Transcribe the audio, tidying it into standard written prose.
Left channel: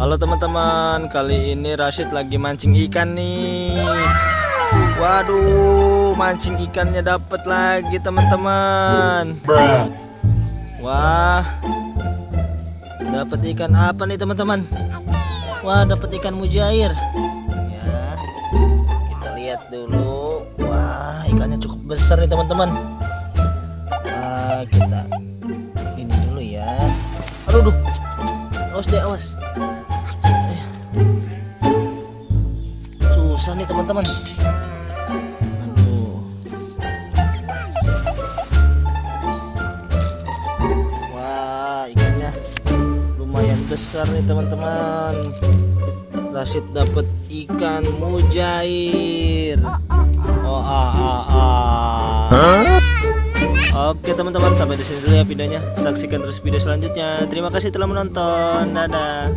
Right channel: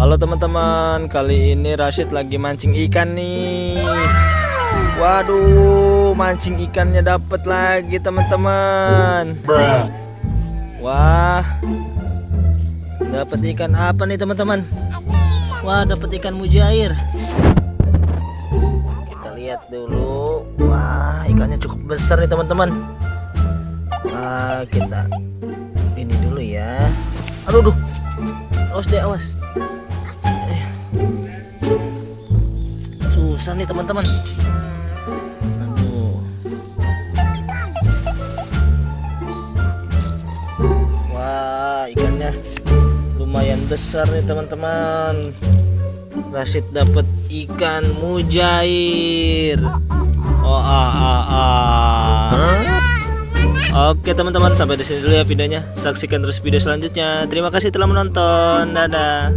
Halo teman-teman, kali ini Rashid lagi mancing ikan nih. Waduh, mancing ikannya dapat lagi teman-teman. Wah, dapat ikan apa nih teman-teman? Wah, dapat ikan mujair. Ya, kita lihat dulu. Wah, ikannya cukup besar nih teman-teman. Nah, kita ini dulu ya. Aduh, awas deh, awas. Susah nih teman-teman. Aduh. Wah, ikannya lumayan besar nih teman-teman. Rashid dapat ikan mujair. Oh, Oke teman-teman, sampai di sini dulu ya videonya. Saksikan terus video selanjutnya. Terima kasih telah menonton. Dadah.